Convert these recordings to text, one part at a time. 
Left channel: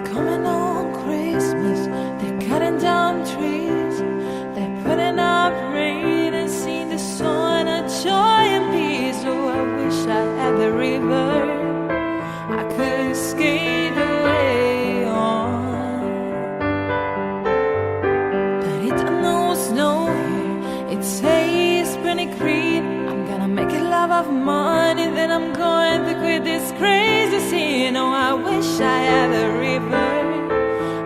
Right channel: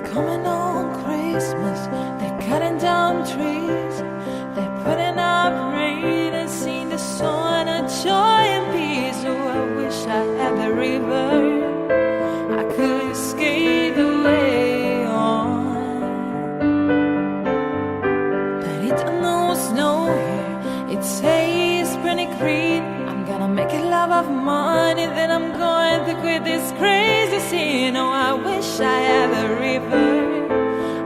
coming on Christmas. They're cutting down trees, they're putting up rain and sing the song of joy and peace. Oh, I wish I had the river I could skate away on. But it don't know snow here, it says pretty green. I'm gonna make a love of money, then I'm going to quit this crazy scene. Oh, I wish I had a river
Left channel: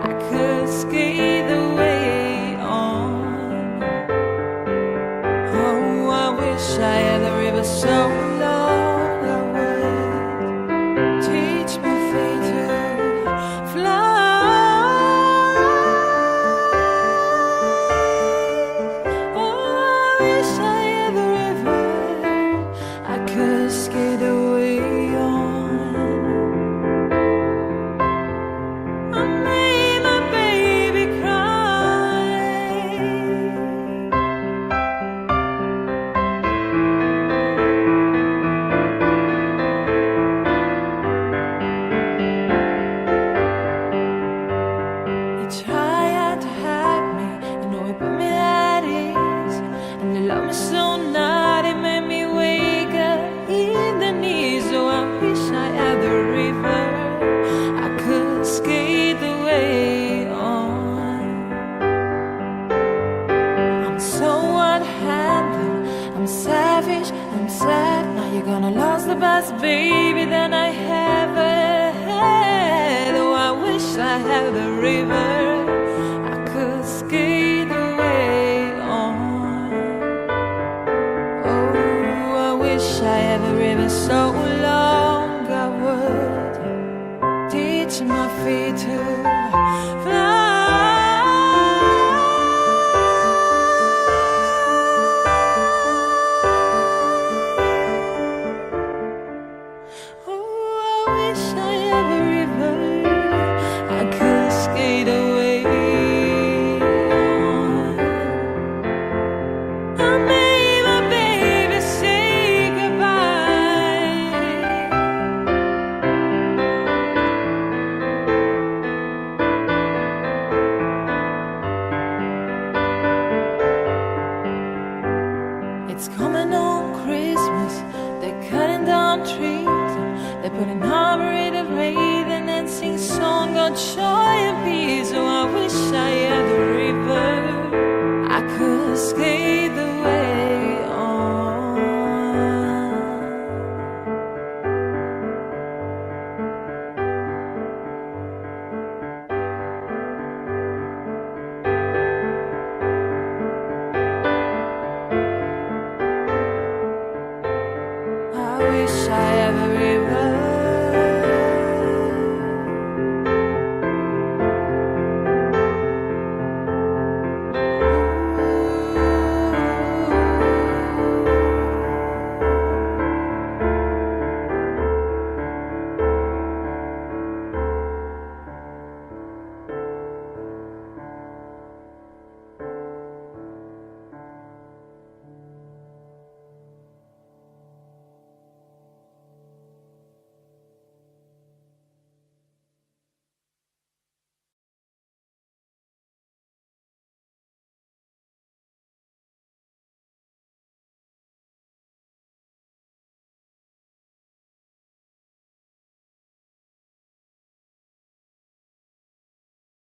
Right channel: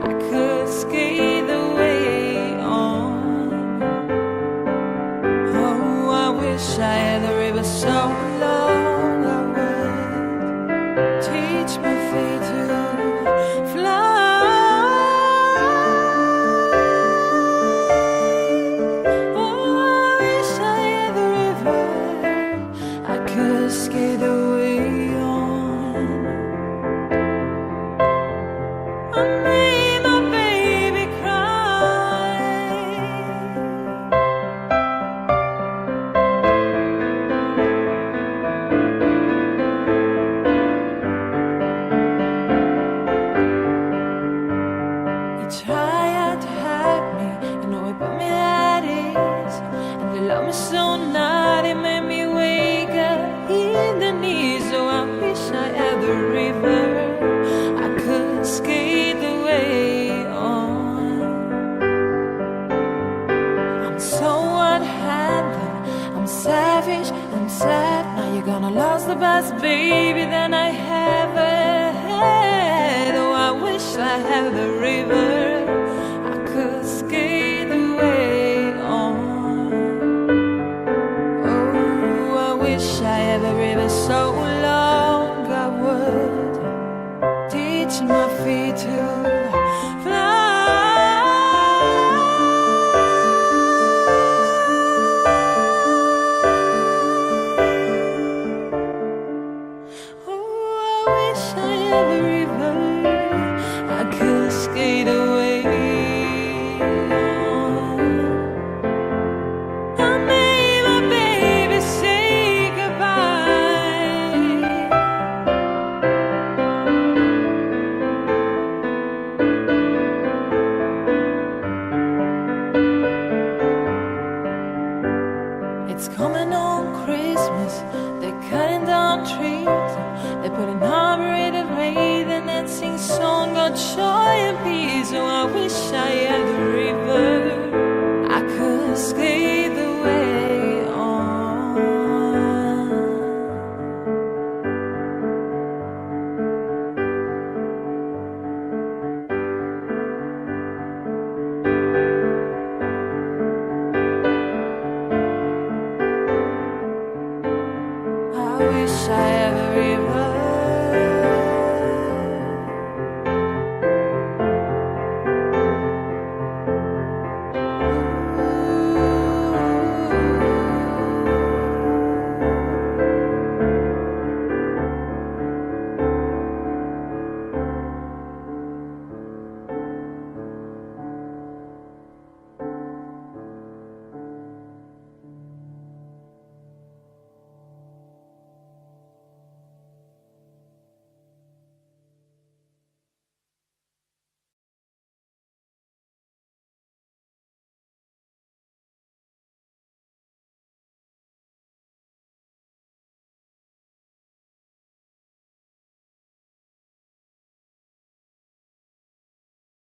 I could skate away on. Oh, I wish I had a river so long I would teach my feet to fly. Could skate away on. I made my baby cry. You tried to hide me, you know it put me at ease. And you love me so naughty, made me wake up in the knees. Oh, I wish I had the river I could skate away on. I'm so unhandled, I'm savage, I'm sad. Now you're gonna lose the best baby that I ever had. Oh, I wish I had the river I could skate away on. Wish I had a river so long I would teach my feet to fly. Oh, I wish I had a river I could skate away on. I made my baby say it's coming on Christmas, they're cutting down trees, they're putting arboreted rain and then sing song of joy and peace. Oh, I wish I had the river I could skate the way on. I wish I had a river